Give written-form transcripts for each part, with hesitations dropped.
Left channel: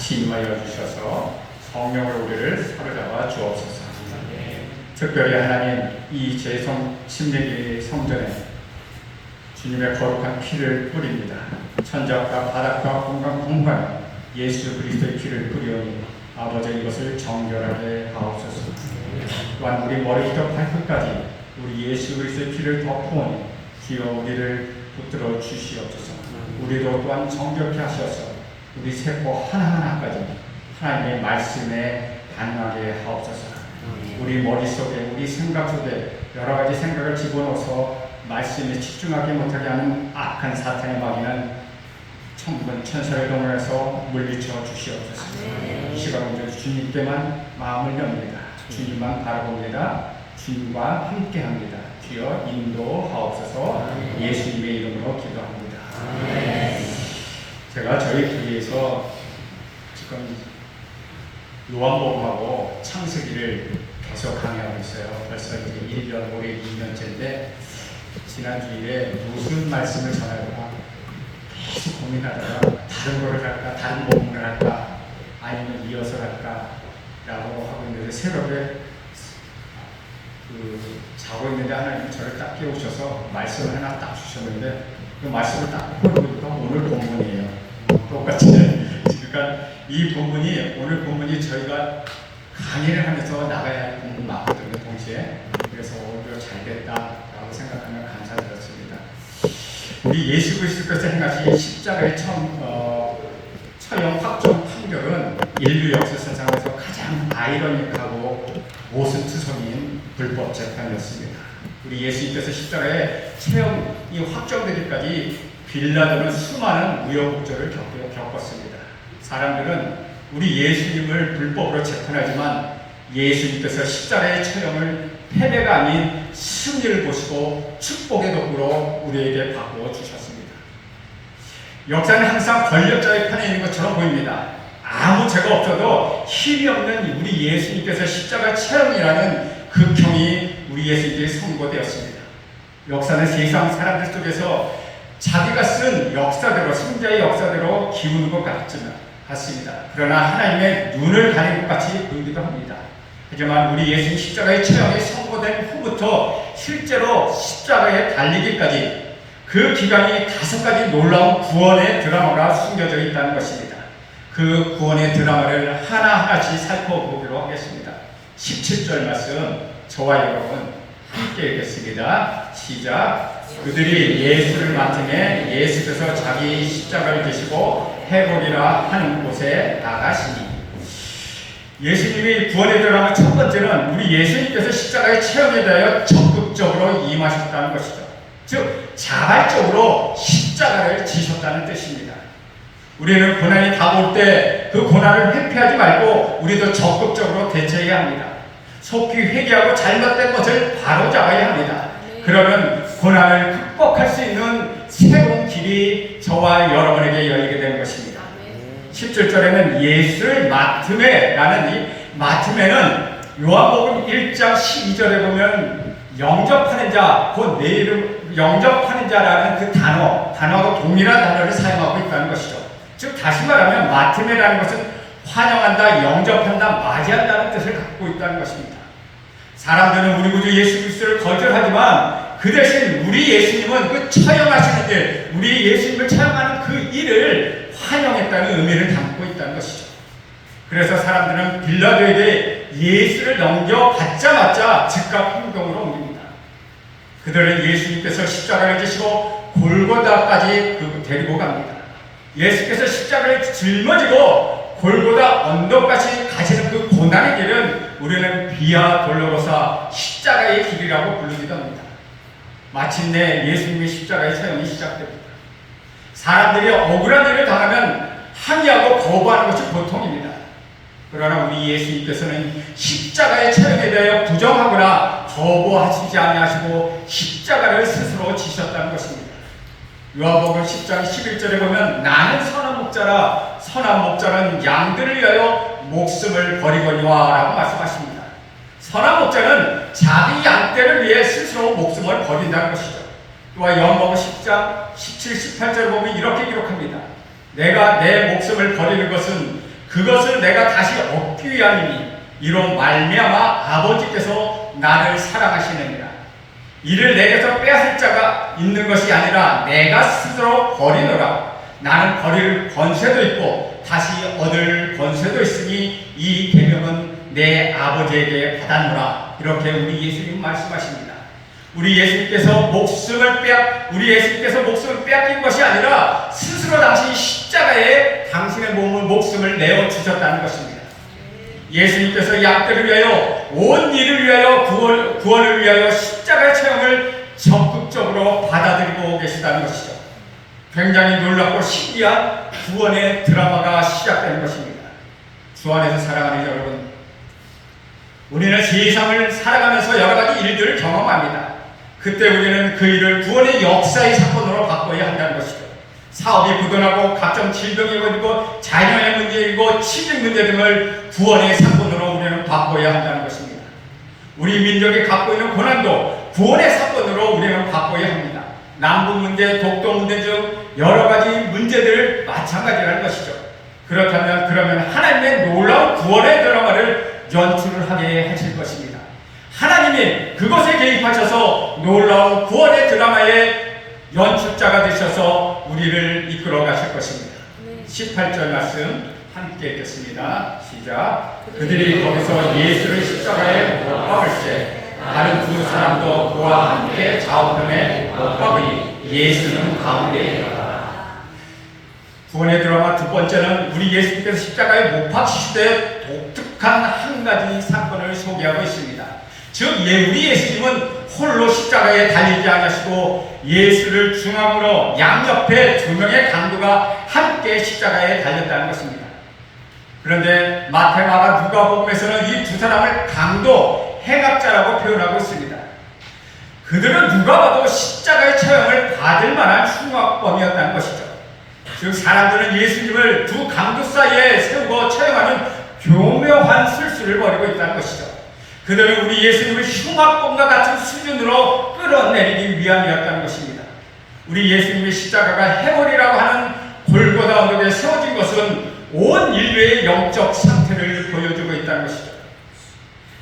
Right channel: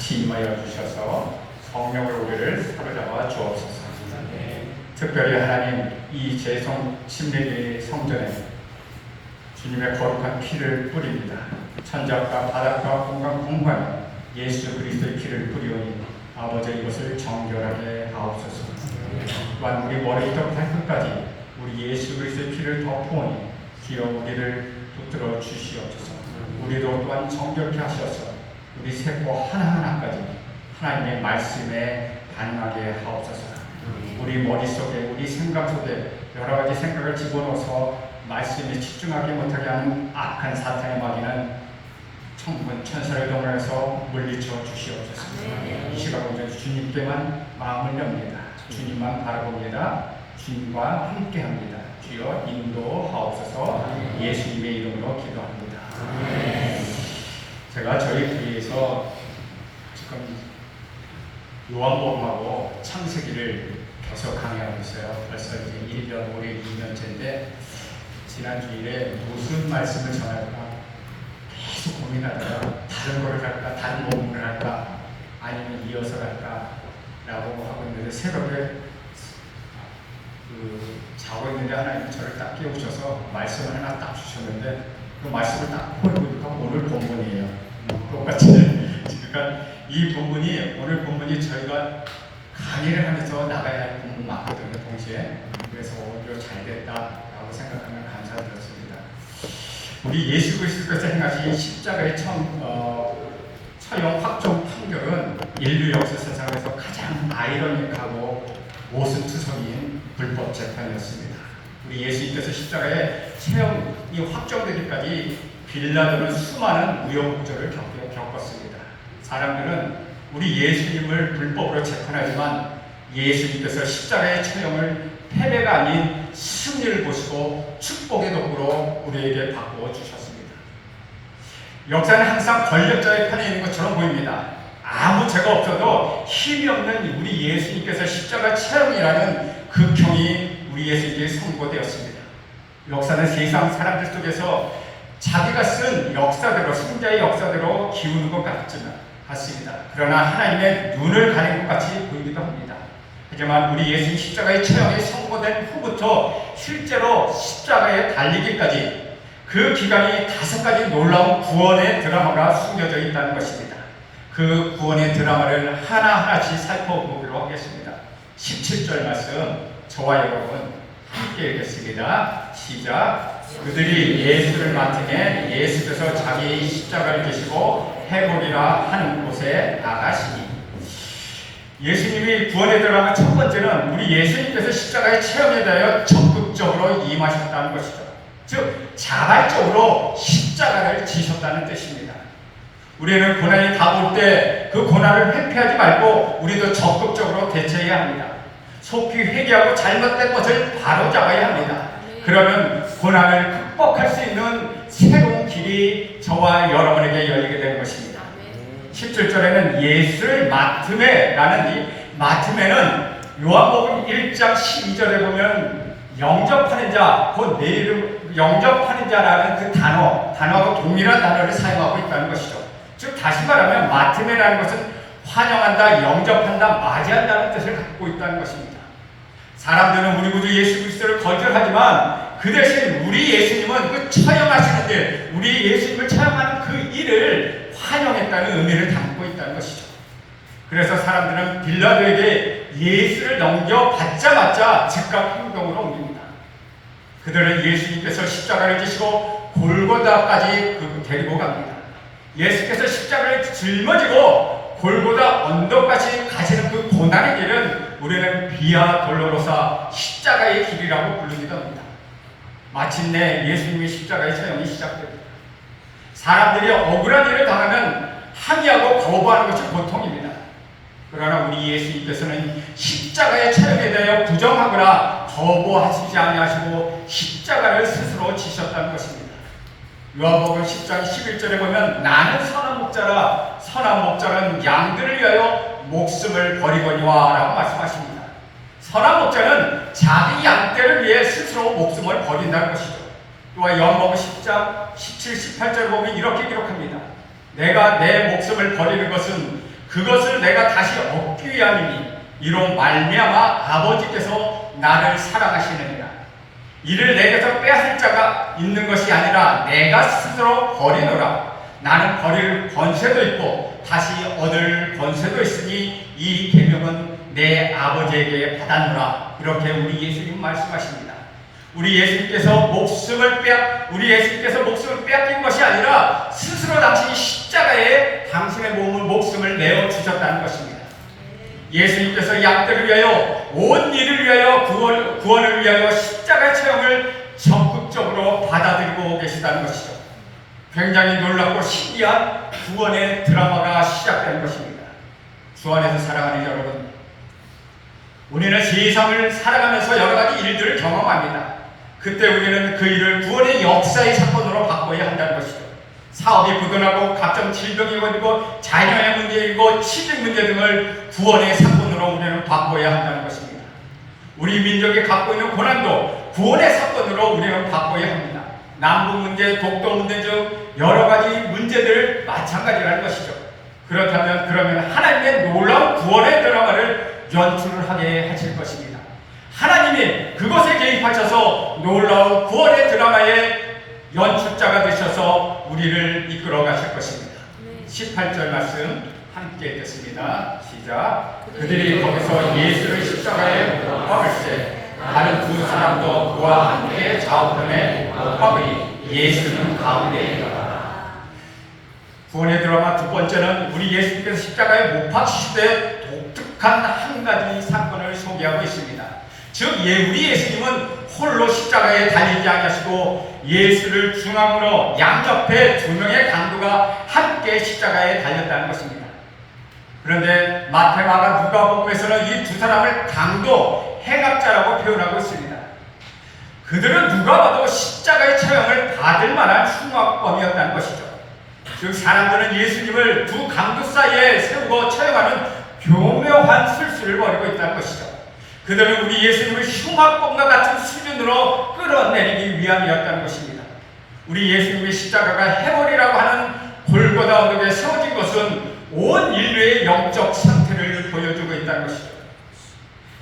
같이 임하여 주셔서 성령으로 우리를 사로잡아 주옵소서. 특별히 하나님 이 제성 침례기 성전에 주님의 거룩한 피를 뿌립니다. 천지와 바닥과 공간 공간 예수 그리스도의 피를 뿌리오니 아버지 이것을 정결하게 하옵소서. 또한 우리 머리부터 발끝까지 우리 예수 그리스도의 피를 덮으오니 주여 우리를 붙들어 주시옵소서. 우리도 또한 정결케 하셔서 우리 세포 하나하나까지 하나님의 말씀에 반응하게 하옵소서. 우리 머릿속에 우리 생각 속에 여러 가지 생각을 집어넣어서 말씀에 집중하지 못하게 하는 악한 사탄의 마귀는 천군 천사를 동원해서 물리쳐 주시옵소서. 이 시간은 주님께만 마음을 엽니다. 주님만 바라봅니다. 주님과 함께합니다. 주여 인도하옵소서. 예수님의 이름으로 기도합니다. 제가 저희 교회에서 지금 요한복음하고 창세기를 계속 강의하고 있어요. 벌써 1년, 올해 2년째인데 지난 주일에 무슨 말씀을 전할까 계속 고민하다가 다른 걸 할까, 다른 복음을 할까, 아니면 이어서 할까 라고 하고 있는데 새벽에 자고 있는데 하나님 저를 딱 깨우셔서 말씀을 하나 딱 주셨는데 그 말씀을 딱 보니까 오늘 본문이에요. 똑같이. 그러니까 이 본문이 오늘 본문이 저희가 강의를 하면서 나가야 할 부분이 많거든요. 동시에. 그래서 오히려 잘 됐다라고 생각하면 감사드렸습니다. 우리 예수 그리스도께서 행하신 십자가의 처형 확정 판결은 인류 역사상에서 가장 아이러니하고 모순투성이인 불법 재판이었습니다. 우리 예수님께서 십자가에 처형이 확정되기까지 빌라도는 수많은 우여곡절을 겪었습니다. 사람들은 우리 예수님을 불법으로 재판하지만 예수님께서 십자가의 처형을 패배가 아닌 승리를 보시고 축복의 덕으로 우리에게 바꾸어 주셨습니다. 역사는 항상 권력자의 편에 있는 것처럼 보입니다. 아무 죄가 없어도 힘이 없는 우리 예수님께서 십자가 처형이라는 극형이 우리 예수님께 선고되었습니다. 역사는 세상 사람들 속에서 자기가 쓴 역사대로, 승자의 역사대로 기우는 것 같습니다. 그러나 하나님의 눈을 가리는 것 같이 보이기도 합니다. 하지만 우리 예수님 십자가의 처형이 선고된 후부터 실제로 십자가에 달리기까지 그 기간이 5가지 놀라운 구원의 드라마가 숨겨져 있다는 것입니다. 그 구원의 드라마를 하나하나씩 살펴보도록 하겠습니다. 17절 말씀 저와 여러분 함께 읽겠습니다. 시작. 그들이 예수를 맡으매 예수께서 자기 십자가를 지시고 해보리라 하는 곳에 나가시니. 예수님이 구원에 들어가는 첫 번째는 우리 예수님께서 십자가의 체험에 대하여 적극적으로 임하셨다는 것이죠. 즉 자발적으로 십자가를 지셨다는 뜻입니다. 우리는 고난이 다가올 때 그 고난을 회피하지 말고 우리도 적극적으로 대처해야 합니다. 속히 회개하고 잘못된 것을 바로잡아야 합니다. 그러면 고난을 극복할 수 있는 새로운 길이 저와 여러분에게 열리게 되는 것입니다. 17절에는 예수를 맡음에 라는 이 맡음에는 요한복음 1장 12절에 보면 영접하는 자, 그 내 이름 영접하는 자라는 그 단어하고 동일한 단어를 사용하고 있다는 것이죠. 즉 다시 말하면 맡음이라는 것은 환영한다, 영접한다, 맞이한다는 뜻을 갖고 있다는 것입니다. 사람들은 우리 구주 예수 그리스도를 거절하지만 그 대신 우리 예수님은 그 처형하시는 데 우리 예수님을 처형하는 그 일을 환영했다는 의미를 담고 있다는 것이죠. 그래서 사람들은 빌라도에게 예수를 넘겨받자마자 즉각 행동으로 옮깁니다. 그들은 예수님께서 십자가를 지시고 골고다까지 데리고 갑니다. 예수께서 십자가를 짊어지고 골고다 언덕까지 가시는 그 고난의 길은 우리는 비아 돌로로사 십자가의 길이라고 부르기도 합니다. 마침내 예수님의 십자가의 체험이 시작됩니다. 사람들이 억울한 일을 당하면 항의하고 거부하는 것이 보통입니다. 그러나 우리 예수님께서는 십자가의 체험에 대하여 부정하거나 거부하시지 아니하시고 십자가를 스스로 지셨다는 것입니다. 요한복음 10장 11절에 보면 나는 선한 목자라 선한 목자는 양들을 위하여 목숨을 버리거니와 라고 말씀하십니다. 선한 목자는 자기 양떼를 위해 스스로 목숨을 버린다는 것이죠. 또한 요한복음 10장 17, 18절을 보면 이렇게 기록합니다. 내가 내 목숨을 버리는 것은 그것을 내가 다시 얻기 위함이니 이로 말미암아 아버지께서 나를 사랑하시느니라. 이를 내게서 빼앗을 자가 있는 것이 아니라 내가 스스로 버리노라. 나는 버릴 권세도 있고 다시 얻을 권세도 있으니 이 계명은 내 아버지에게 받았노라. 이렇게 우리 예수님 말씀하십니다. 우리 예수님께서 목숨을 빼앗긴 것이 아니라 스스로 당신이 십자가에 당신의 목숨을 내어 주셨다는 것입니다. 예수님께서 양떼를 위하여 온 일을 위하여 구원을 위하여 십자가의 체험을 적극적으로 받아들이고 계시다는 것이죠. 굉장히 놀랍고 신기한 구원의 드라마가 시작되는 것입니다. 주 안에서 사랑하는 여러분, 우리는 세상을 살아가면서 여러 가지 일들을 경험합니다. 그때 우리는 그 일을 구원의 역사의 사건으로 바꿔야 한다는 것이죠. 사업이 부도나고 각종 질병이 걸리고 자녀의 문제이고 취직 문제 등을 구원의 사건으로 우리는 바꿔야 한다는 것입니다. 우리 민족이 갖고 있는 고난도 구원의 사건으로 우리는 바꿔야 합니다. 남북 문제, 독도 문제 등 여러 가지 문제들을 마찬가지라는 것이죠. 그러면 하나님의 놀라운 구원의 드라마를 연출하게 하실 것입니다. 하나님이 그것에 개입하셔서 놀라운 구원의 드라마의 연출자가 되셔서 우리를 이끌어 가실 것입니다. 18절 말씀 함께 읽겠습니다. 시작. 그들이 거기서 예수를 십자가에 못 박을세 다른 두 사람도 그와 함께 좌우편에 못 박으니 예수는 가운데에 있다. 구원의 드라마 두 번째는 우리 예수님께서 십자가에 못 박히실 때 독특한 한 가지 사건을 소개하고 있습니다. 즉 우리 예수님은 홀로 십자가에 달리지 않으시고 예수를 중앙으로 양옆에 두 명의 강도가 함께 십자가에 달렸다는 것입니다. 그런데 마태, 마가, 누가복음에서는 이 두 사람을 강도, 행악자라고 표현하고 있습니다. 그들은 누가 봐도 십자가의 체험을 받을 만한 흉악범이었다는 것이죠. 즉 사람들은 예수님을 두 강도 사이에 세우고 체험하는 교묘한 술수를 벌이고 있다는 것이죠. 그들은 우리 예수님을 흉악범과 같은 수준으로 끌어내리기 위함이었다는 것입니다. 우리 예수님의 십자가가 해골이라고 하는 골고다 언덕에 세워진 것은 온 인류의 영적 상태를 보여주고 있다는 것이죠.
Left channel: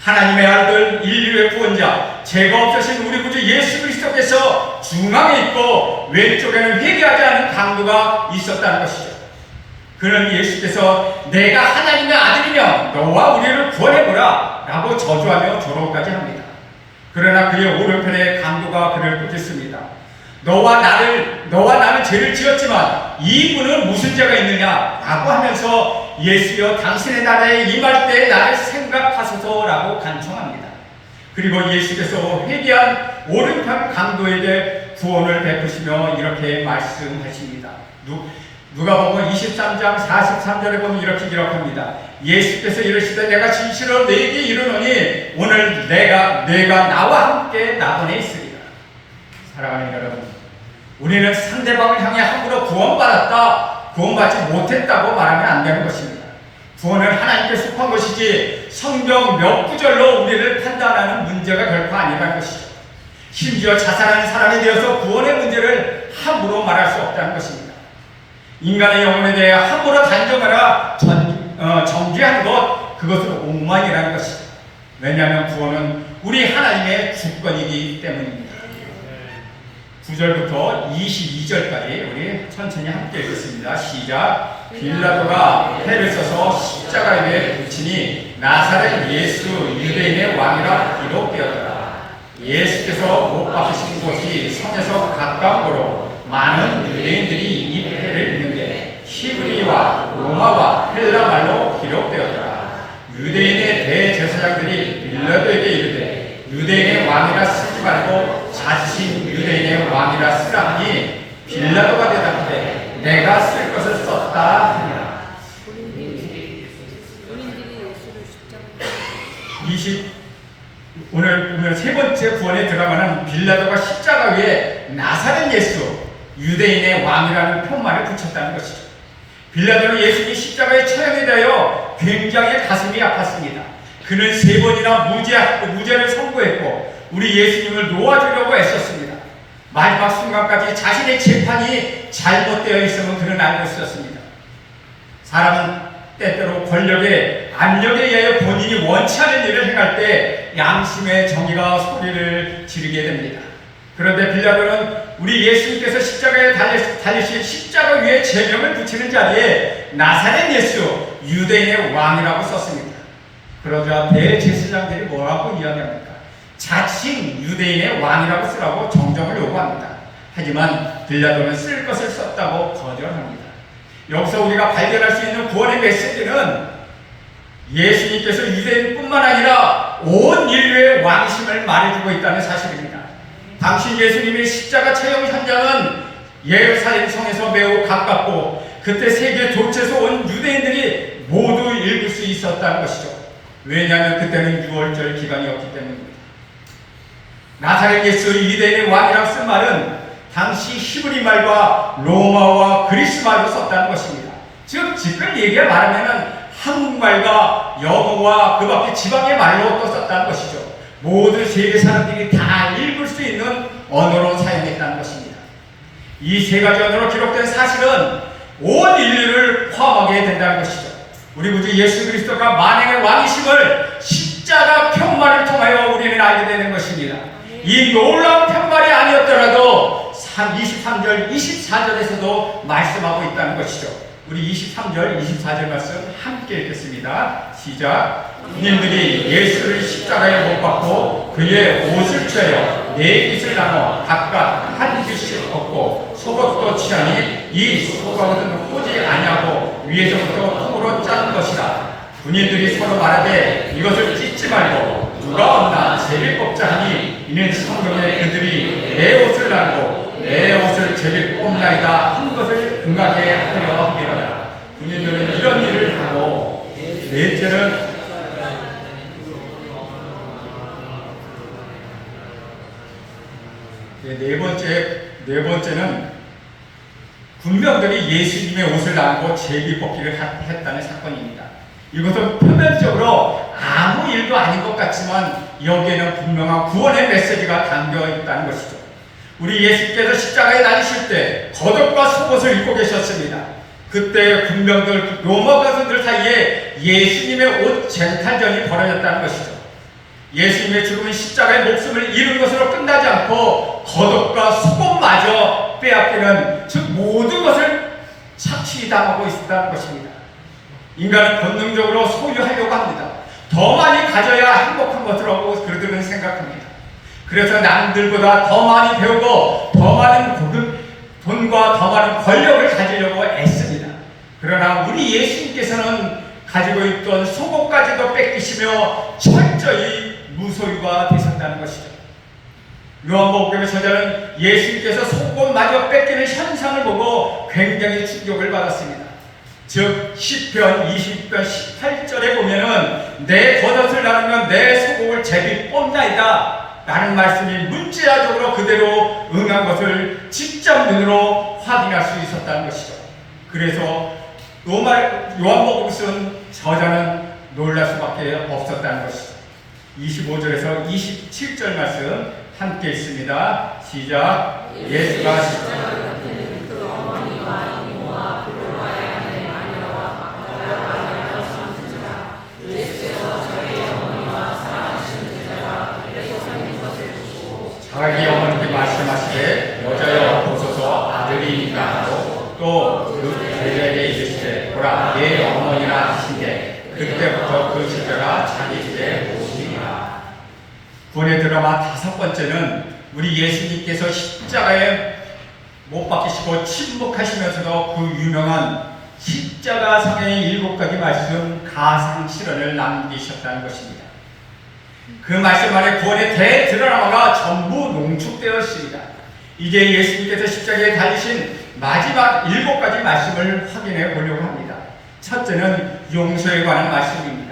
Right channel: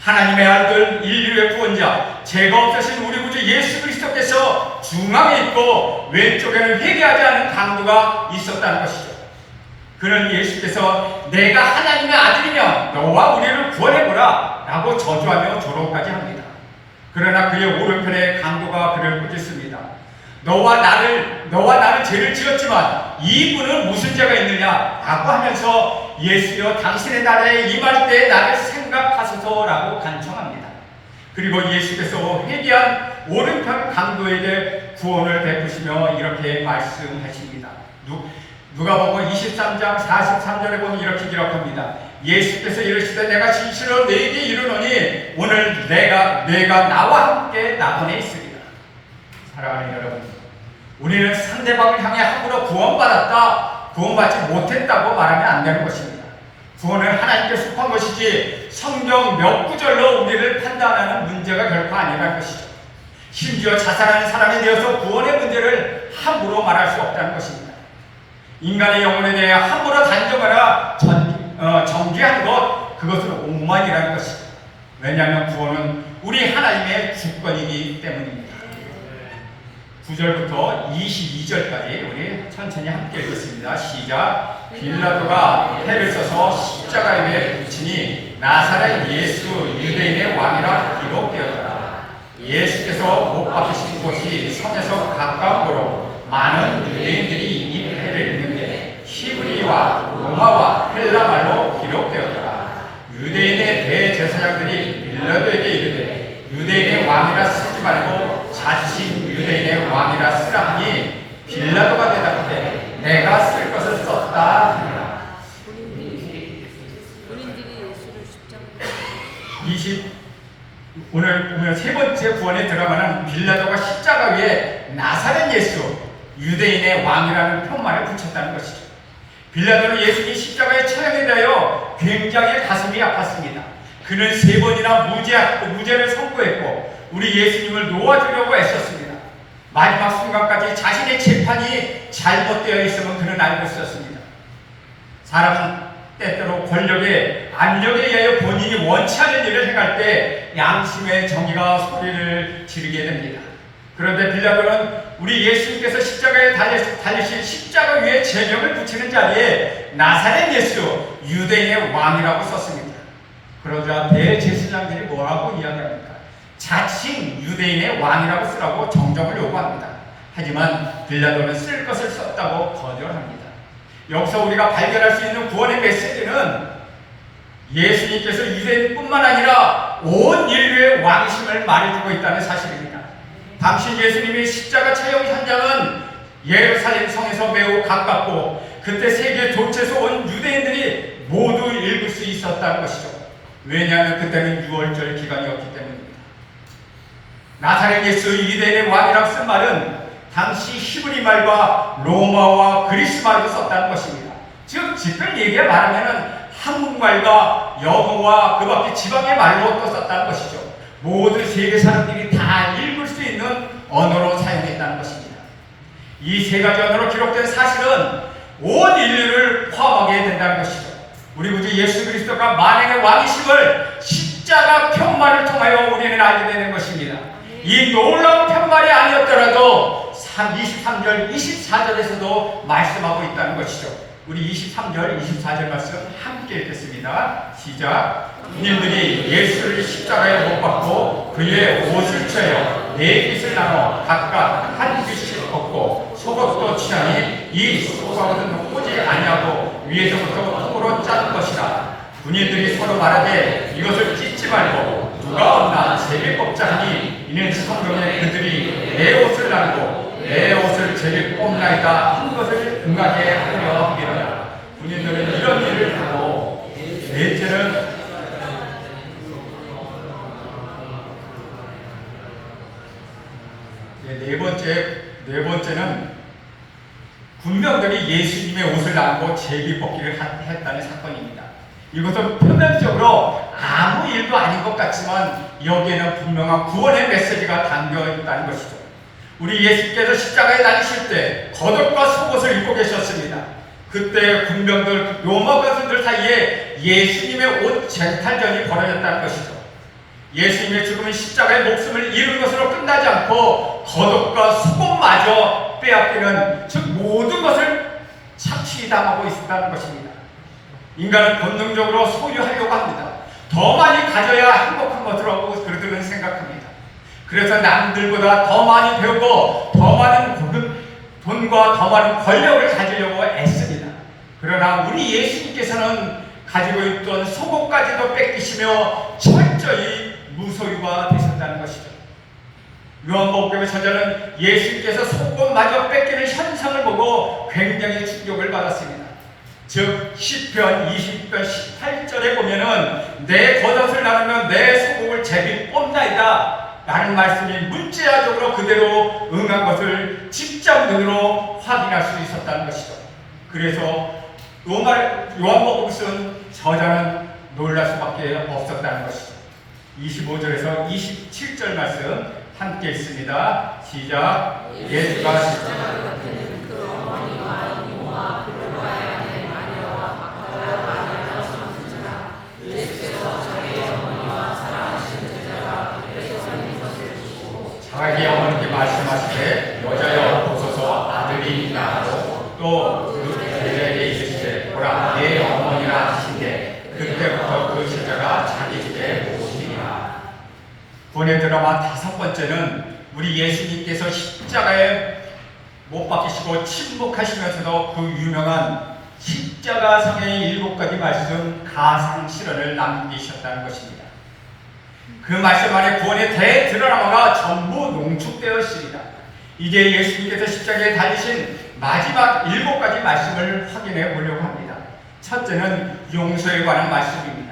하나님의 아들, 인류의 구원자, 죄가 없으신 우리 구주 예수 그리스도께서 중앙에 있고 왼쪽에는 회개하지 않은 강도가 있었다는 것이죠. 그는 예수께서 내가 하나님의 아들이며 너와 우리를 구원해보라 라고 저주하며 조롱까지 합니다. 그러나 그의 오른편에 강도가 그를 꾸짖습니다. 너와 나를 죄를 지었지만 이 분은 무슨 죄가 있느냐 라고 하면서 예수여 당신의 나라에 임할 때 나를 생각하소서 라고 간청합니다. 그리고 예수께서 회개한 오른편 강도에게 구원을 베푸시며 이렇게 말씀하십니다. 누가복음 23장 43절에 보면 이렇게 기록합니다. 예수께서 이르시되 내가 진실로 너희에게 이르노니 오늘 내가 나와 함께 나더내 있으리라. 사랑하는 여러분, 우리는 상대방을 향해 함부로 구원받았다, 구원받지 못했다고 말하면 안 되는 것입니다. 구원은 하나님께 속한 것이지 성경 몇 구절로 우리를 판단하는 문제가 결코 아니라는 것이죠. 심지어 자살하는 사람에 대해서 구원의 문제를 함부로 말할 수 없다는 것입니다. 인간의 영혼에 대해 함부로 단정하라 정죄하는 것, 그것은 오만이라는 것이죠. 왜냐하면 구원은 우리 하나님의 주권이기 때문입니다. 9절부터 22절까지 우리 천천히 함께 읽겠습니다. 시작. 빌라도가 패를 써서 십자가 위에 붙이니 나사렛 예수 유대인의 왕이라 기록되었다. 예수께서 못 박히신 곳이 성에서 가까우므로 많은 유대인들이 이 패를 입는데 히브리와 로마와 헬라말로 기록되었다. 유대인의 대제사장들이 빌라도에게 이르되 유대인의 왕이라 쓰지 말고 자칭 유대인의 왕이라 쓰라 하니 빌라도가 대답하되 내가 쓸 것을 썼다 하니라. 본인들이 예수를 십자가에 오늘 세 번째 구원에 들어가는 빌라도가 십자가 위에 나사렛 예수 유대인의 왕이라는 표말을 붙였다는 것이죠. 빌라도는 예수님이 십자가에 처형이 되어 굉장히 가슴이 아팠습니다. 그는 3번이나 무죄를 선고했고 우리 예수님을 놓아주려고 애썼습니다. 마지막 순간까지 자신의 재판이 잘못되어 있음은 그는 알고 있었습니다. 사람은 때때로 권력의 압력에 의해 본인이 원치 않은 일을 행할 때 양심의 정의가 소리를 지르게 됩니다. 그런데 빌라도는 우리 예수님께서 십자가에 달리신 십자가 위에 제명을 붙이는 자리에 나사렛 예수 유대인의 왕이라고 썼습니다. 그러자 대제사장들이 뭐라고 이야기합니까? 자칭 유대인의 왕이라고 쓰라고 정정을 요구합니다. 하지만 빌라도는 쓸 것을 썼다고 거절합니다. 여기서 우리가 발견할 수 있는 구원의 메시지는 예수님께서 유대인뿐만 아니라 온 인류의 왕이심을 말해주고 있다는 사실입니다. 당시 예수님의 십자가 체험 현장은 예루살렘 성에서 매우 가깝고 그때 세계 도처에서 온 유대인들이 모두 읽을 수 있었다는 것이죠. 왜냐하면 그때는 6월절 기간이었기 때문입니다. 나사렛 예수 유대인의 왕이라고 쓴 말은 당시 히브리 말과 로마와 그리스 말도 썼다는 것입니다. 즉 직접 얘기해 말하면 한국말과 영어와 그 밖에 지방의 말로 또 썼다는 것이죠. 모든 세계 사람들이 다 읽을 수 있는 언어로 사용했다는 것입니다. 이 세 가지 언어로 기록된 사실은 온 인류를 포함하게 된다는 것이죠. 우리 구주 예수 그리스도가 만행의 왕이심을 십자가 편말을 통하여 우리는 알게 되는 것입니다. 이 놀라운 편말이 아니었더라도 23절, 24절에서도 말씀하고 있다는 것이죠. 우리 23절, 24절 말씀 함께 읽겠습니다. 시작. 군인들이 예수를 십자가에 못 박고 그의 옷을 찢어 네 핏을 나눠 각각 한 핏씩 벗고 속옷도 취하니 이 속옷은 꼬지 아니하고 위에서부터 통으로 짠 것이라. 군인들이 서로 말하되 이것을 찢지 말고 누가 없나 제비 뽑자 하니 이는 성경에 그들이 내 옷을 나누고 내 옷을 제비 뽑나이다 한 것을 응하게 하려 함이라. 군인들은 이런 일을 하고 넷째는 네 번째는 군병들이 예수님의 옷을 나누고 제비 뽑기를 했다는 사건입니다. 이것은 표면적으로 아무 일도 아닌 것 같지만 여기에는 분명한 구원의 메시지가 담겨 있다는 것이죠. 우리 예수께서 십자가에 달리실 때 겉옷과 속옷을 입고 계셨습니다. 그때 군병들, 로마 군인들 사이에 예수님의 옷 쟁탈전이 벌어졌다는 것이죠. 예수님의 죽음은 십자가의 목숨을 잃은 것으로 끝나지 않고 겉옷과 속옷마저 빼앗기는, 즉 모든 것을 착취당하고 있었다는 것입니다. 인간은 본능적으로 소유하려고 합니다. 더 많이 가져야 행복한 것이라고 그들은 생각합니다. 그래서 남들보다 더 많이 배우고 더 많은 돈과 더 많은 권력을 가지려고 애씁니다. 그러나 우리 예수님께서는 가지고 있던 속옷까지도 뺏기시며 철저히 무소유가 되셨다는 것이죠. 요한복음 저자는 예수님께서 속옷마저 뺏기는 현상을 보고 굉장히 충격을 받았습니다. 즉 시편 20편 18절에 보면은 내 겉옷을 나누면 내 속옷을 제비 뽑나이다 라는 말씀이 문자적으로 그대로 응한 것을 직접 눈으로 확인할 수 있었다는 것이죠. 그래서 요한복음 쓴 저자는 놀랄 수밖에 없었다는 것이죠. 25절에서 27절 말씀 함께 읽습니다. 시작. 예수가 십자가를 같은 그 어머니와 이모와 블로바의 아내 마리아와 막달라 마리아가 선지자 예수께서 자기의 어머니와 사랑하시는 제자가 그래서 서 있는 것을 보시고 자기 어머니께 말씀하시되 여자여 보소서 아들이니까 하고 또 그 제자에게 이르시되 보라 내 어머니라 하신데 그때부터 그 제자가 자기 집에 오시니라. 구원의 드라마 5번째는 우리 예수님께서 십자가에 못 박히시고 침묵하시면서도 그 유명한 십자가상의 7가지 말씀 가상 실현을 남기셨다는 것입니다. 그 말씀 안에 구원의 대드라마가 전부 농축되어 있습니다. 이제 예수님께서 십자가에 달리신 마지막 7가지 말씀을 확인해 보려고 합니다. 첫째는 용서에 관한 말씀입니다.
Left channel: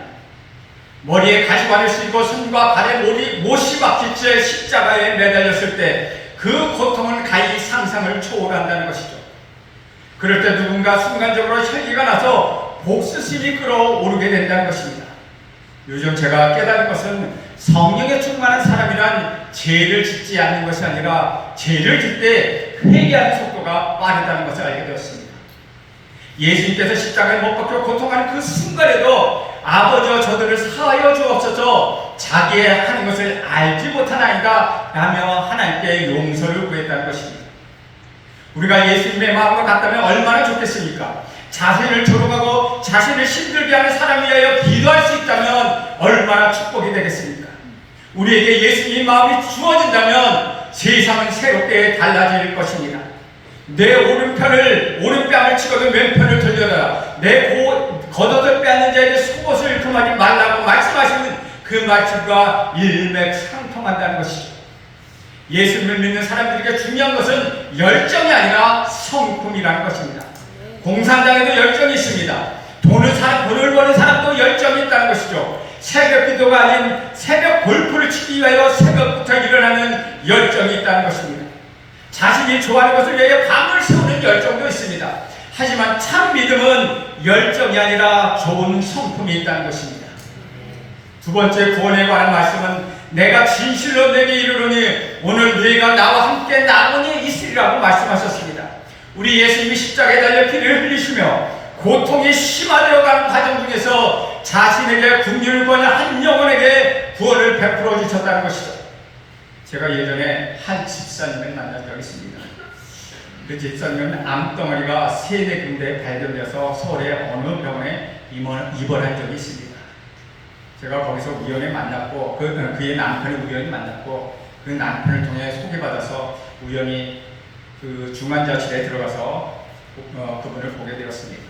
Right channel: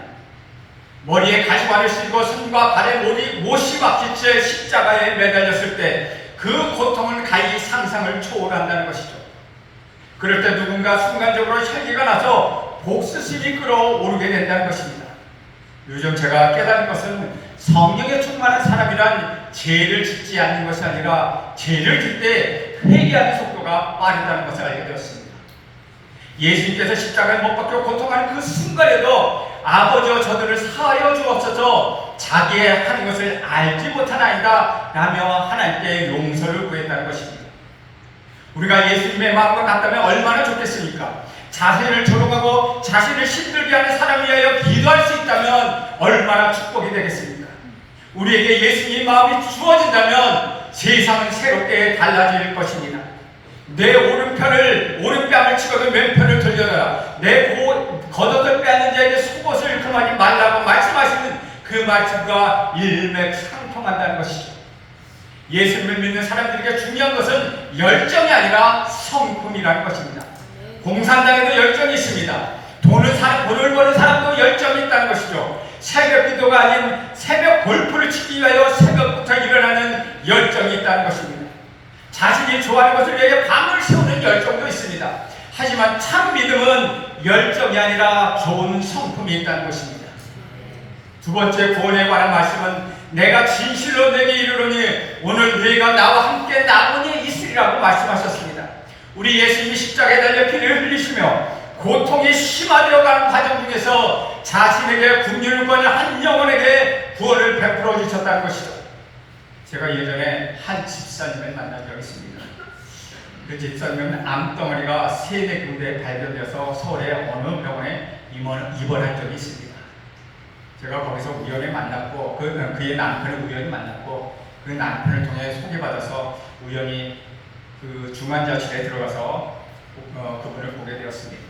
머리에 가시관을 쓰고 손과 발에 못이 박힌 채 십자가에 매달렸을 때 그 고통은 가히 상상을 초월한다는 것이죠. 그럴 때 누군가 순간적으로 혈기가 나서 복수심이 끌어오르게 된다는 것입니다. 요즘 제가 깨달은 것은 성령에 충만한 사람이란 죄를 짓지 않는 것이 아니라 죄를 짓 때 회개하는 속도가 빠르다는 것을 알게 되었습니다. 예수님께서 십자가에 못 박혀 고통하는 그 순간에도 아버지와 저들을 사하여 주옵소서. 자기의 하는 것을 알지 못하나이다 라며 하나님께 용서를 구했다는 것입니다. 우리가 예수님의 마음과 같다면 얼마나 좋겠습니까? 자신을 조롱하고 자신을 힘들게 하는 사람에 의하여 기도할 수 있다면 얼마나 축복이 되겠습니까? 우리에게 예수님의 마음이 주어진다면 세상은 새롭게 달라질 것입니다. 내 오른뺨을 치고도 왼편을 돌려라. 내 겉옷을 빼앗는 자에게 속옷을 금하지 말라고 말씀하시는 그 말씀과 일맥상통한다는 것이죠. 예수님을 믿는 사람들에게 중요한 것은 열정이 아니라 성품이라는 것입니다. 공산당에도 열정이 있습니다. 돈을 버는 사람도 열정이 있다는 것이죠. 새벽 기도가 아닌 새벽 골프를 치기 위하여 새벽부터 일어나는 열정이 있다는 것입니다. 자신이 좋아하는 것을 위해 밤을 새우는 열정도 있습니다. 하지만 참 믿음은 열정이 아니라 좋은 성품이 있다는 것입니다. 두 번째 구원에 관한 말씀은 내가 진실로 내게 이르노니 오늘 너희가 나와 함께 남은이 있으리라고 말씀하셨습니다. 우리 예수님이 십자가에 달려 피를 흘리시며 고통이 심화되어가는 과정 중에서 자신에게 국률을 구하는 한 영혼에게 구원을 베풀어 주셨다는 것이죠. 제가 예전에 한 집사님을 만난 적이 있습니다. 그 집사님은 암덩어리가 3-4군데 발견돼서 서울의 어느 병원에 입원한 적이 있습니다. 제가 거기서 우연히 만났고 그의 남편을 우연히 만났고 그 남편을 통해 소개받아서 우연히 그 중환자실에 들어가서 그분을 보게 되었습니다.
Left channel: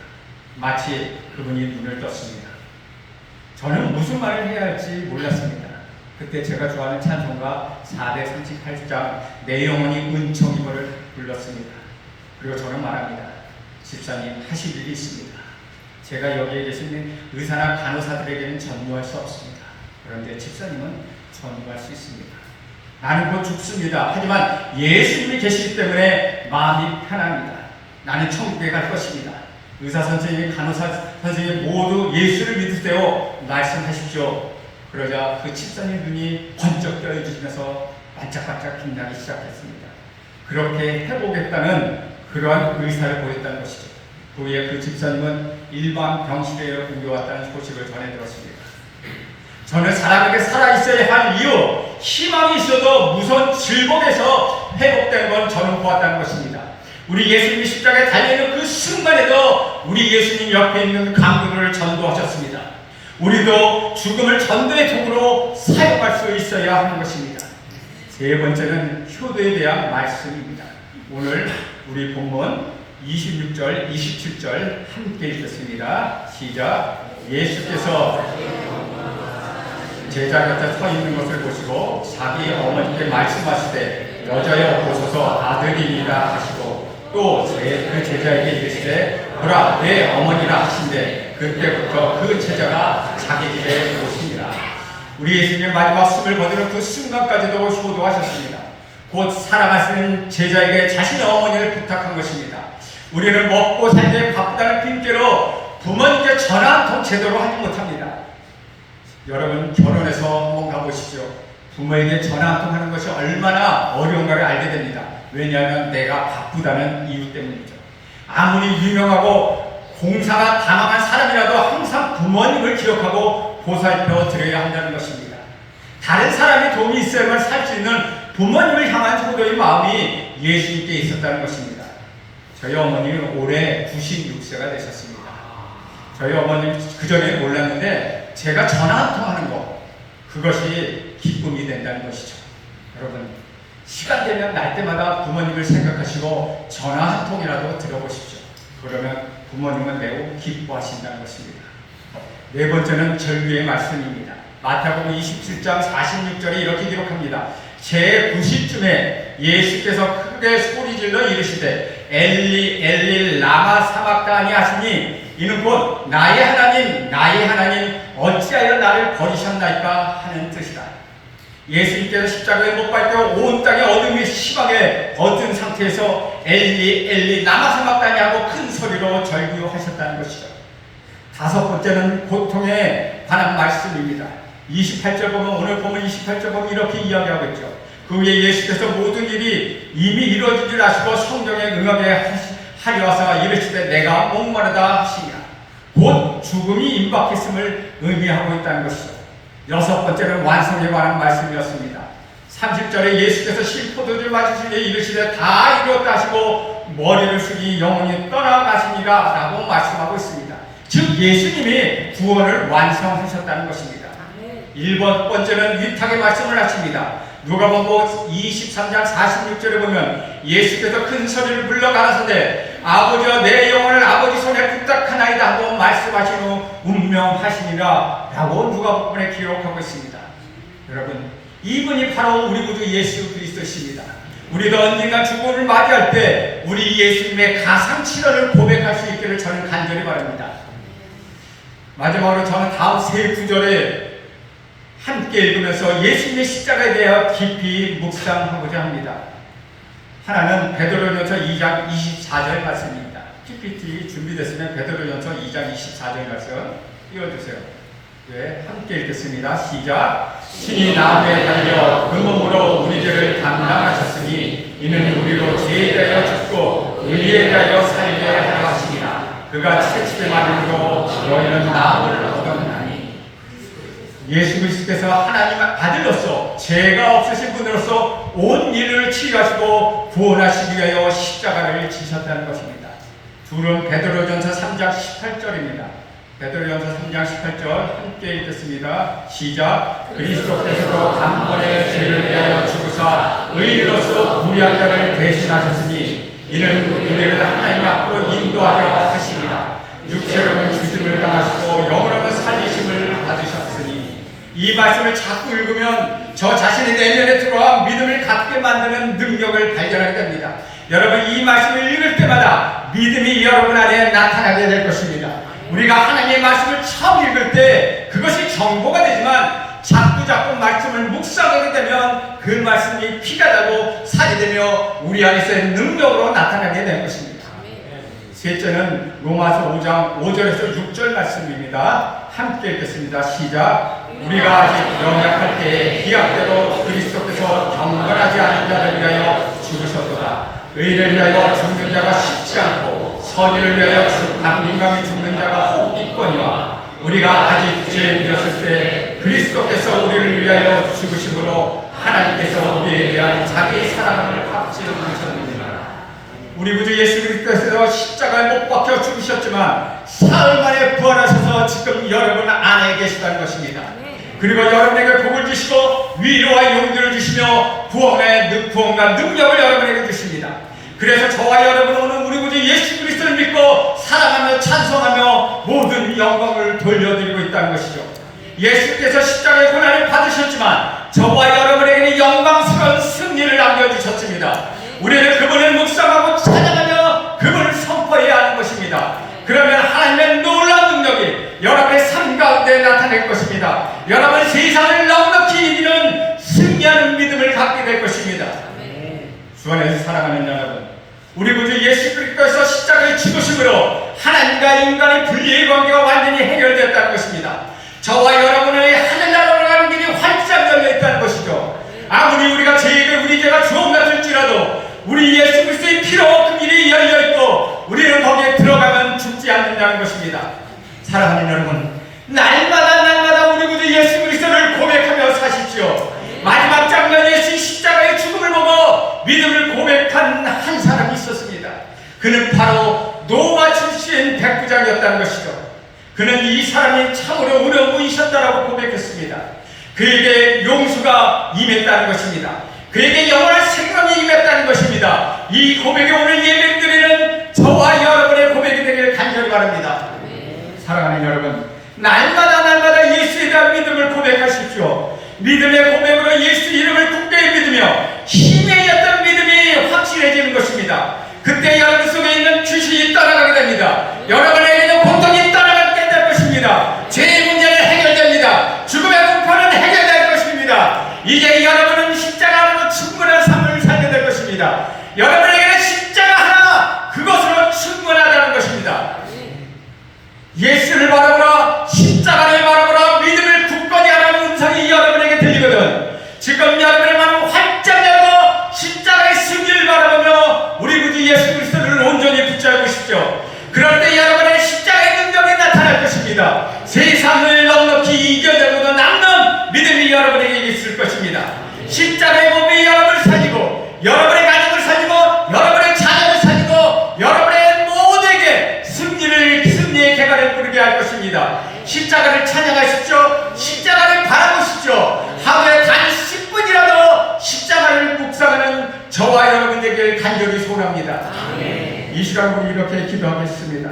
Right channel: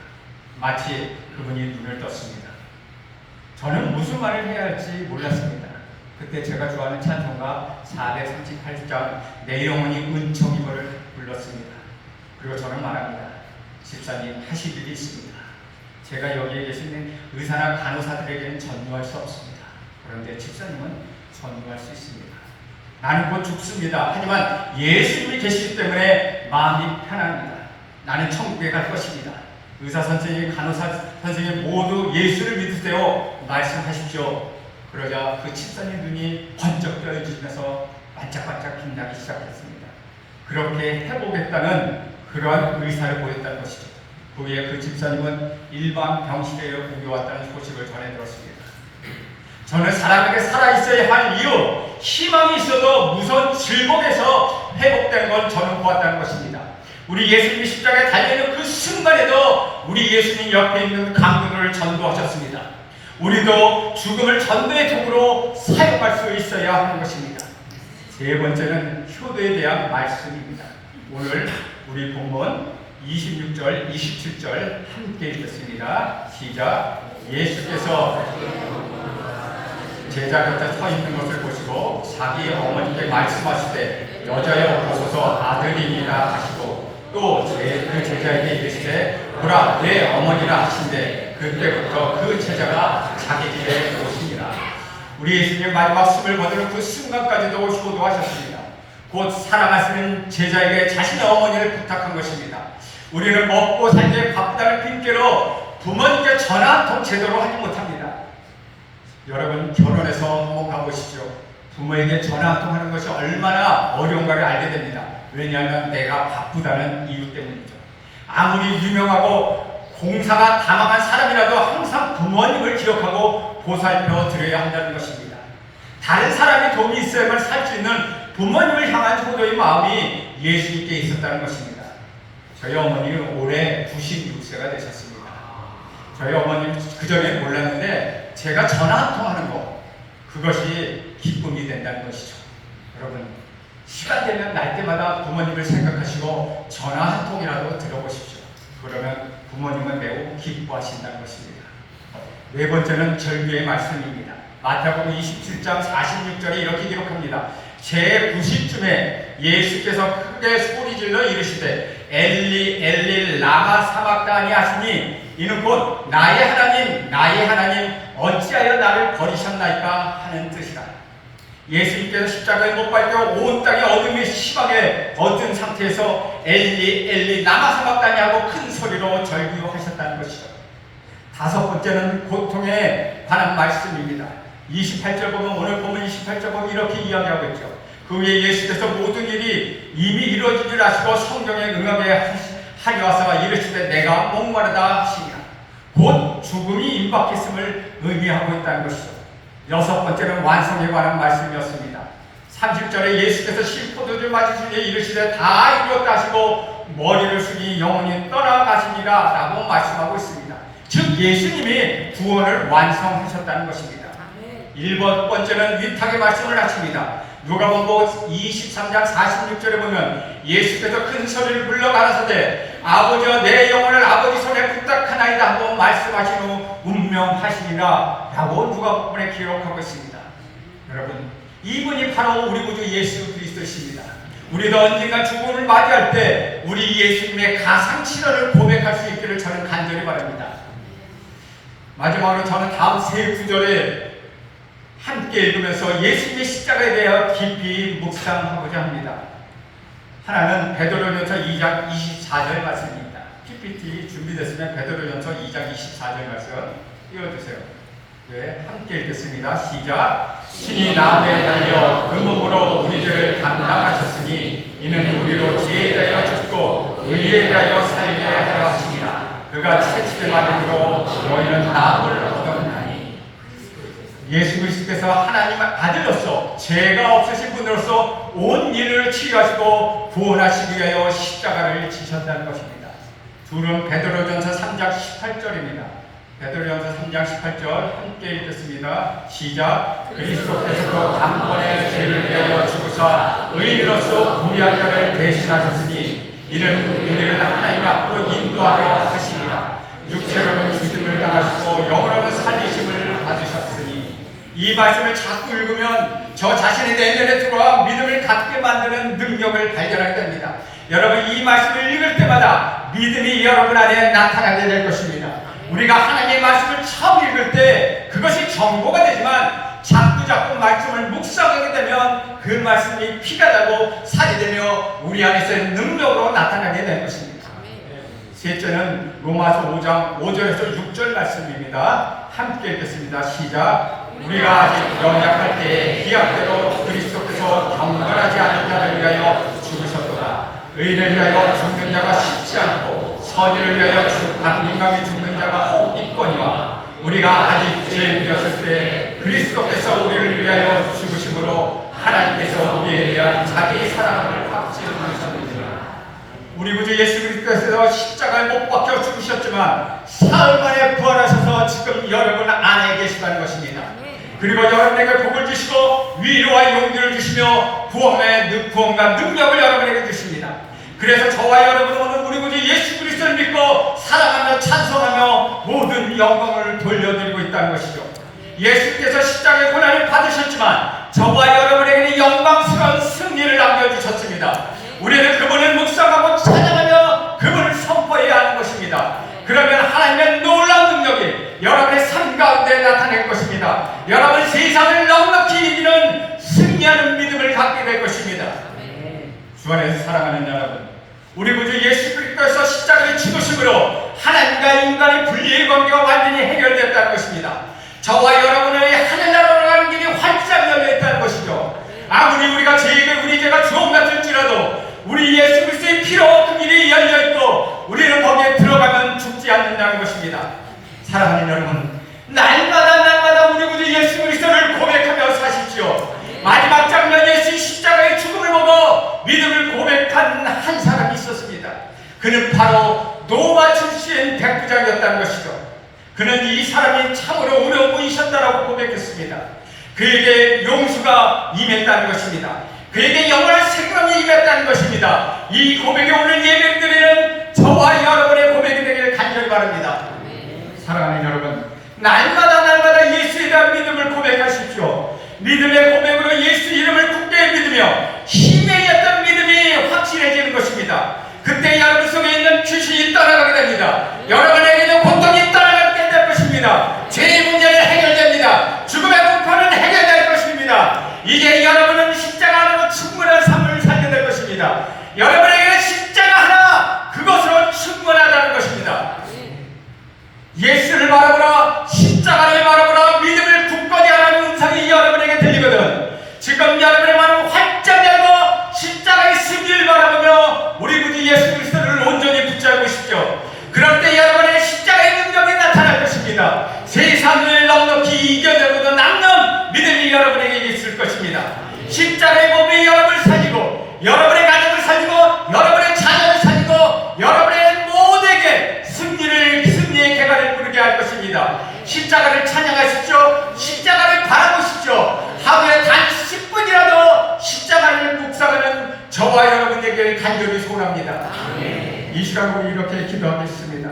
마치 그분이 눈을 떴습니다. 저는 무슨 말을 해야 할지 몰랐습니다. 그때 제가 좋아하는 찬송가 438장 내 영혼이 은총이고를 불렀습니다. 그리고 저는 말합니다. 집사님 하실 일이 있습니다. 제가 여기에 계시는 의사나 간호사들에게는 전무할 수 없습니다. 그런데 집사님은 전무할 수 있습니다. 나는 곧 죽습니다. 하지만 예수님이 계시기 때문에 마음이 편합니다. 나는 천국에 갈 것입니다. 의사 선생님, 간호사 선생님 모두 예수를 믿으세요. 말씀하십시오. 그러자 그 집사님 눈이 번쩍 떠지면서 반짝반짝 빛나기 시작했습니다. 그렇게 해보겠다는 그러한 의사를 보였다는 것이죠. 후에 그 집사님은 일반 병실에 옮겨왔다는 소식을 전해 들었습니다. 저는 사람에게 살아있어야 할 이유, 희망이 있어도 무서운 질복에서 회복되는 건 저는 보았다는 것입니다. 우리 예수님이 십자가에 달려있는 그 순간에도 우리 예수님 옆에 있는 강도를 전도하셨습니다. 우리도 죽음을 전도의 도구로 사용할 수 있어야 하는 것입니다. 세 번째는 효도에 대한 말씀입니다. 오늘 우리 본문 26절, 27절 함께 읽겠습니다. 시작. 예수께서 제자 곁에 서 있는 것을 보시고 자기 어머니께 말씀하시되 여자여 보소서 아들이니라 하시고 또 그 제자에게 이르시되 보라 내 어머니라 하신대 그때부터 그 제자가 자기 집에 오십니다. 우리 예수님의 마지막 숨을 거두는 그 순간까지도 효도하셨습니다. 곧 사랑하시는 제자에게 자신의 어머니를 부탁한 것입니다. 우리는 먹고 살기에 바쁘다는 핑계로 부모님께 전화 한 통 제대로 하지 못합니다. 여러분 결혼해서 한번 가보시죠. 부모에게 전화 한 통 하는 것이 얼마나 어려운가를 알게 됩니다. 왜냐하면 내가 바쁘다는 이유 때문이죠. 아무리 유명하고 공사가 다망한 사람이라도 항상 부모님을 기억하고 보살펴 드려야 한다는 것입니다. 다른 사람의 도움이 있어야만 살 수 있는 부모님을 향한 효도의 마음이 예수님께 있었다는 것입니다. 저희 어머니는 올해 96세가 되셨습니다. 저희 어머니는 그전에 몰랐는데 제가 전화 한 통 하는 거 그것이 기쁨이 된다는 것이죠. 여러분 시간 되면 날 때마다 부모님을 생각하시고 전화 한 통이라도 들어보십시오. 그러면 부모님은 매우 기뻐하신다는 것입니다. 네 번째는 절규의 말씀입니다. 마태복음 27장 46절에 이렇게 기록합니다. 제90쯤에 예수께서 크게 소리질러 이르시되 엘리 엘리 라마 사박다니 하시니 이는 곧 나의 하나님 어찌하여 나를 버리셨나이까 하는 뜻이다. 예수님께서 십자가에 못 박혀 온 땅에 어둠이 심하게 어두운 상태에서 엘리 엘리 라마 사박다니 하고 큰 소리로 절규하셨다는 것이죠. 다섯 번째는 고통에 관한 말씀입니다. 28절 보면 오늘 보면 28절 보면 이렇게 이야기하고 있죠. 그 후에 예수께서 모든 일이 이미 이루어진 줄 아시고 성경에 응하게 하리어서 이르시되 내가 목마르다 하시니라. 곧 죽음이 임박했음을 의미하고 있다는 것이죠. 여섯 번째는 완성에 관한 말씀이었습니다. 30절에 예수께서 실포도주 맞으시되 이르시되 다 이루었다 하시고 머리를 숙이 영원히 떠나가십니다 라고 말씀하고 있습니다. 즉 예수님이 구원을 완성하셨다는 것입니다. 1번째는 위탁의 말씀을 하십니다. 누가복음 23장 46절에 보면 예수께서 큰 소리를 불러 가라사대 아버지여 내 영혼을 아버지 손에 부탁하나이다 하고 말씀하신 후 운명하시니라 라고 누가복음에 기록하고 있습니다. 여러분, 이분이 바로 우리 구주 예수 그리스도십니다. 우리가 언젠가 죽음을 맞이할 때 우리 예수님의 가상치료를 고백할 수 있기를 저는 간절히 바랍니다. 마지막으로 저는 다음 세 구절에 함께 읽으면서 예수님의 십자가에 대하여 깊이 묵상하고자 합니다. 하나는 베드로전서 2장 24절 말씀입니다. PPT 준비됐으면 베드로전서 2장 24절 말씀 띄워주세요. 네, 함께 읽겠습니다. 시작. 신이 나무에 달려 그 몸으로 우리들을 감당하셨으니 이는 우리로 죄에 대하여 죽고 의에 대하여 살리려 하려 하십니다. 그가 채찍에 맞음으로 너희는 나무를 얻었나니. 예수 그리스도께서 하나님 아들로서 죄가 없으신 분으로서 온 일을 치유하시고 구원하시기 위하여 십자가를 지셨다는 것입니다. 둘은 베드로전서 3장 18절입니다. 베드로전서 3장 18절 함께 읽겠습니다. 시작. 그리스도께서도 단번에 죄를 위하여 죽으사 의인으로서 우리의 죄를 대신하셨으니 이는 우리를 하나님 앞으로 인도하려 하십니다. 육체로는 죽음을 당하시고 영으로는 살리심을 받으셨으니. 이 말씀을 자꾸 읽으면 저 자신의 내면에 들어와 믿음을 갖게 만드는 능력을 발견하게 됩니다. 여러분, 이 말씀을 읽을 때마다 믿음이 여러분 안에 나타나게 될 것입니다. 우리가 하나님의 말씀을 처음 읽을 때 그것이 정보가 되지만 자꾸 말씀을 묵상하게 되면 그 말씀이 피가 되고 살이 되며 우리 안에서의 능력으로 나타나게 되는 것입니다. 셋째는 로마서 5장 5절에서 6절 말씀입니다. 함께 읽겠습니다. 시작. 우리가 아직 연약할 때 기약대로 그리스도께서 강건하지 않은 자를 위하여 죽으셨도다. 의를 위하여 죽는 자가 쉽지 않고 선의를 위하여 민감히 죽는 자가 혹 있거니와 우리가 아직 죄에 밀렸을 때 그리스도께서 우리를 위하여 죽으심으로 하나님께서 우리에 대한 자기 사랑을 확증하셨느니라. 우리 구주 예수 그리스도께서 십자가에 못 박혀 죽으셨지만 사흘 만에 부활하셔서 지금 여러분 안에 계시다는 것입니다. 그리고 여러분에게 복을 주시고 위로와 용기를 주시며 구원과 능력을 여러분에게 주십니다. 그래서 저와 여러분은 오늘 우리 구주 예수 그리스도를 믿고 사랑하며 찬송하며 모든 영광을 돌려드리고 있다는 것이죠. 예수께서 십자가의 고난을 받으셨지만 저와 여러분에게는 영광스러운 승리를 남겨주셨습니다. 우리는 그분을 묵상하고 찬양하며 그분을 선포해야 하는 것입니다. 그러면 하나님의 놀라운 능력이 여러분의 삶 가운데 나타날 것입니다. 여러분 세상을 넉넉히 이기는 승리하는 믿음을 갖게 될 것입니다. 주 안에서 사랑하는 여러분, 우리 구주 예수 그리스도께서 십자가의 죽으심으로 하나님과 인간의 분리의 관계가 완전히 해결됐다는 것입니다. 저와 여러분의 하늘나라로 가는 길이 활짝 열려 있다는 것이죠. 아무리 우리가 우리 죄가 주옥 같을지라도 우리 예수 그리스도의 피로 그 길이 열려 있고 우리는 거기에 들어가면 죽지 않는다는 것입니다. 사랑하는 여러분, 날마다 우리 구주 예수 그리스도를 고백하며 사십시오. 마지막 장면 예수 십자가의 죽음을 보고 믿음을 고백한 한 사람이 있었습니다. 그는 바로 노마 출신 백부장이었다는 것이죠. 그는 이 사람이 참으로 어려운 분이셨다라고 고백했습니다. 그에게 용수가 임했다는 것입니다. 그에게 영원한 생명이 임했다는 것입니다. 이 고백이 오늘 예배드리는 저와 여러분의 고백이 되기를 간절히 바랍니다. 사랑하는 여러분, 날마다 예수에 대한 믿음을 고백하십시오. 믿음의 고백으로 예수 이름을 굳게 믿으며 힘에 있던 믿음이 확실해지는 것입니다. 그때 여러분 속에 있는 귀신이 떠나가게 됩니다. 여러분에게 있는 고통이 떠나가게 될 것입니다. 죄의 문제는 해결됩니다. 죽음의 공포는 해결될 것입니다. 이제 여러분은 십자가 하나로 충분한 삶을 살게 될 것입니다. 여러분에게는 십자가 하나 그것으로 충분하다는 것입니다. 예수를 바라보라, 십자가를 바라보라, 믿음을 굳건히 하라는 음성이 여러분에게 들리거든. 지금 여러분의 마음을 활짝 열고 십자가의 승리를 바라보며 우리 구주 예수 그리스도를 온전히 붙잡고 싶죠. 그럴 때 여러분의 십자가의 능력이 나타날 여러분에게 있을 것입니다. 십자가의 몸이 여러분을 살리고 여러분의 가정을 살리고 여러분의 자녀를 살리고 여러분의 모두에게 승리의 개발을 부르게 할 것입니다. 십자가를 찬양하십시오. 십자가를 바라보십시오. 하루에 단 10분이라도 십자가를 묵상하는 저와 여러분에게 간절히 소원합니다. 이 시간 우리 이렇게 기도하겠습니다.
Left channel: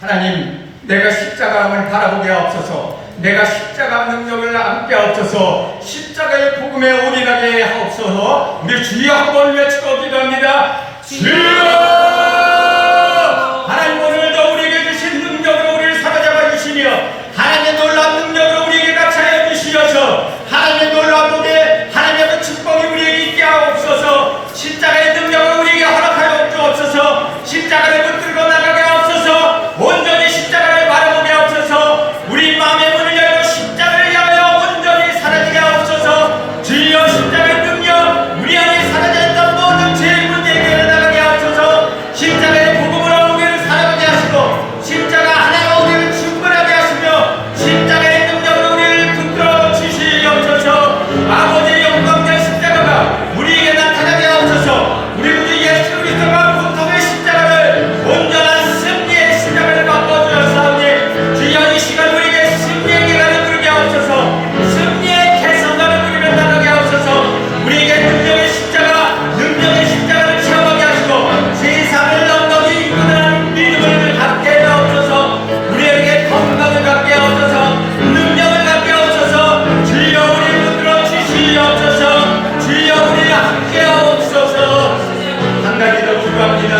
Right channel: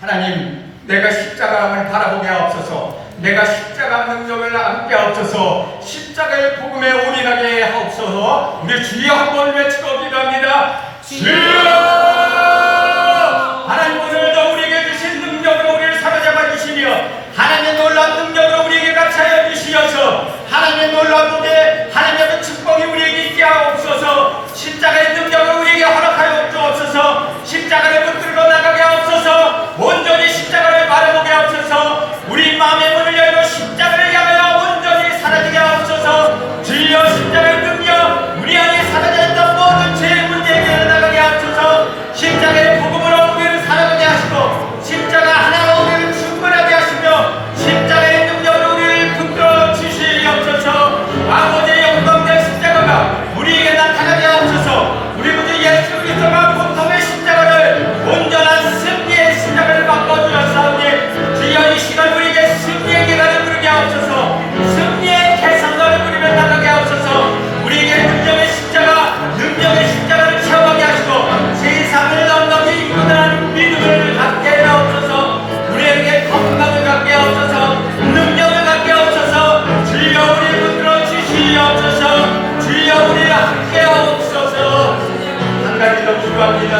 하나님, 내가 십자가를 바라보게 하옵소서. 내가 십자가 능력을 안게 하옵소서. 십자가의 복음에 올인하게 하옵소서. 우리 주여 한번 외치고 기도합니다. 주여! 하나님, 오늘도 우리에게 주신 능력으로 우리를 사로잡아 주시며 하나님의 놀라운 능력으로 우리에게 같이하여 주시어서 하나님의 놀라운 은혜, 하나님의 축복이 우리에게 있게 하옵소서. 십자가의 능력을 우리에게 허락하여 주옵소서. 십자가를 붙들어 나가게 하옵소서. 온전히 십자가를 바라보게 하옵소서. 우리 마음의 문을 열고 십자가를 향하여 온전히 사라지게 하옵소서. 주여, 십자가의 능력 우리 안에 사라졌던 모든 죄의 문제에게 일어나게 하옵소서. 십자가의 복음으로 우리를 살아가게 하시고 십자가 하나로 우리를 충분하게 하시며 십자가의 능력으로 우리를 붙들어 주시옵소서. 아버지의 영광된 십자가가 우리에게 나타나게 하옵소서. 우리 구주 예수 그리스도가 고통의 십자가를 온전한 승리의 십자가를 바꿔주셨사오니 주여, 이 시간 우리에게 승리의 기간을 부르게 하옵소서. 승리의 개선자를 부르며 나가게 하옵소서. 우리에게 능력의 십자가를 체험하게 하시고 세상을 넉넉히 이끌어가는 믿음을 갖게 하옵소서. 우리에게 건강을 갖게 하옵소서. 능력을 갖게 하옵소서. 주여, 우리를 붙들어 주시옵소서. 주여, 우리를 함께 하옵소서. 한 가지 더 기도합니다.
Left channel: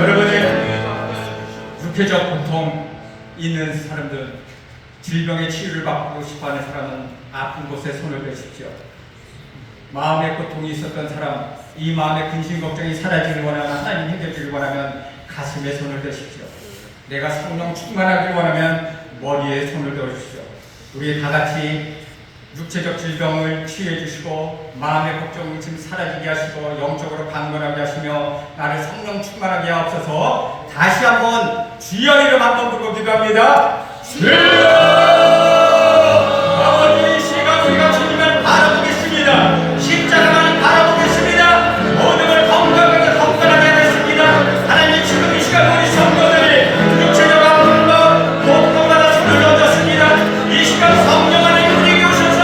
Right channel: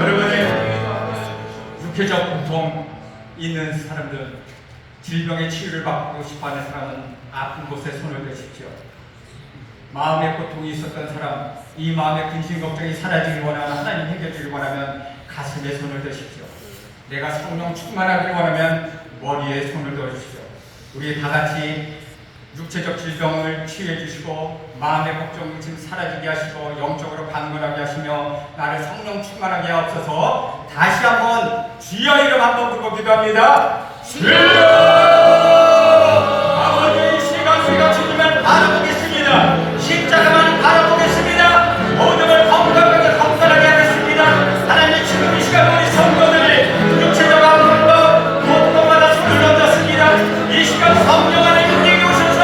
여러분의 육체적 고통 있는 사람들, 질병의 치유를 받고 싶어하는 사람은 아픈 곳에 손을 대십시오. 마음의 고통이 있었던 사람, 이 마음의 근심 걱정이 사라지길 원하는 하나님 해결주길 원하면 가슴에 손을 대십시오. 내가 성령 충만하길 원하면 머리에 손을 대십시오. 우리 다 같이 육체적 질병을 치유해 주시고 마음의 걱정을 지금 사라지게 하시고 영적으로 강건하게 하시며 나를 성령 충만하게 하옵소서. 다시 한번 주여 이름 한번 부르고 기도합니다. 주여! 아버지, 이 시간 우리가 주님을 바라보겠습니다. 십자가만 바라보겠습니다. 모든 걸 건강하게 하겠습니다. 하나님, 지금 이 시간 우리 성도들이 육체적 아픔도 고통 하나 손을 얹었습니다. 이 시간 성령 하나님 우리에게 오셔서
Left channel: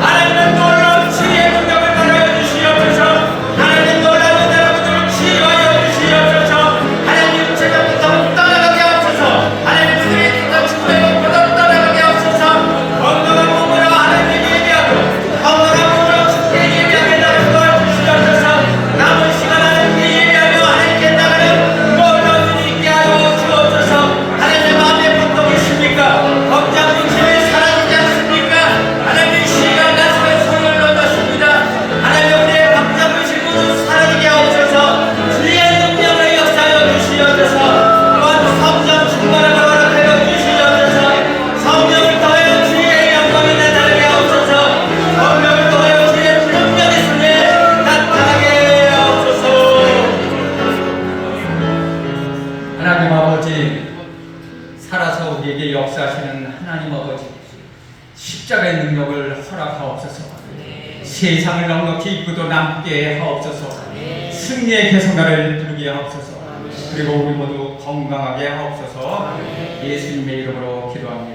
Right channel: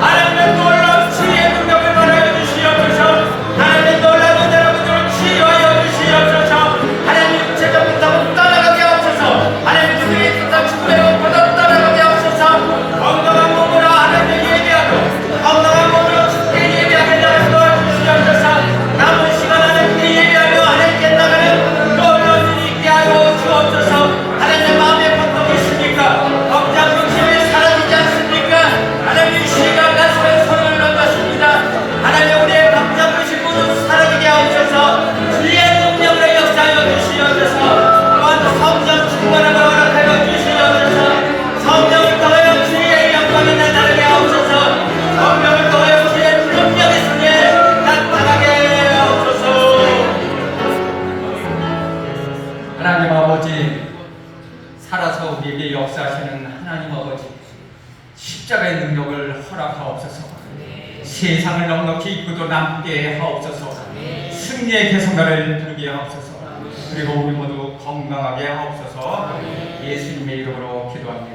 하나님의 놀라운 치유의 능력을 받아야 주시옵소서. 하나님 놀라운 여러분들을 치유하여 주시옵소서. 하나님 육체가 못하고 떠나가게 하옵소서. 하나님 그들의 뜻과 축복을 받아 떠나가게 하옵소서. 건강한 몸으로 하나님을 예배하고 건강한 몸으로 축복에 예배하게 도와주시옵소서. 남은 시간 하나님께 예배하며 하나님께 나가는 놀라운 일이 있게 하여 주옵소서. 하나님의 마음에 고통이 있습니까? 걱정 근심이 사라지지 않습니까? 하나님, 이 시간 가슴에 손을 얹었습니다. 하나님, 우리의 걱정 근심 모두 사라지게 하옵소서. 주의 능력을 역사하여 주시옵소서. 또한 성령 충만하고 허락하여 주시옵소서. 성령을 통하여 주의 영광이 나타나게 하옵소서. 성령을 통하여 주의 능력의 승리에 나타나게 하옵소서. 하나님 아버지, 살아서 우리에게 역사하시는 하나님 아버지, 십자가의 능력을 허락하옵소서. 세상을 넉넉히 이끌고 남게 하옵소서. 승리의 개성가를 부르게 하옵소서. 그리고 우리 모두 건강하게 하옵소서. 예수님의 이름으로 기도합니다.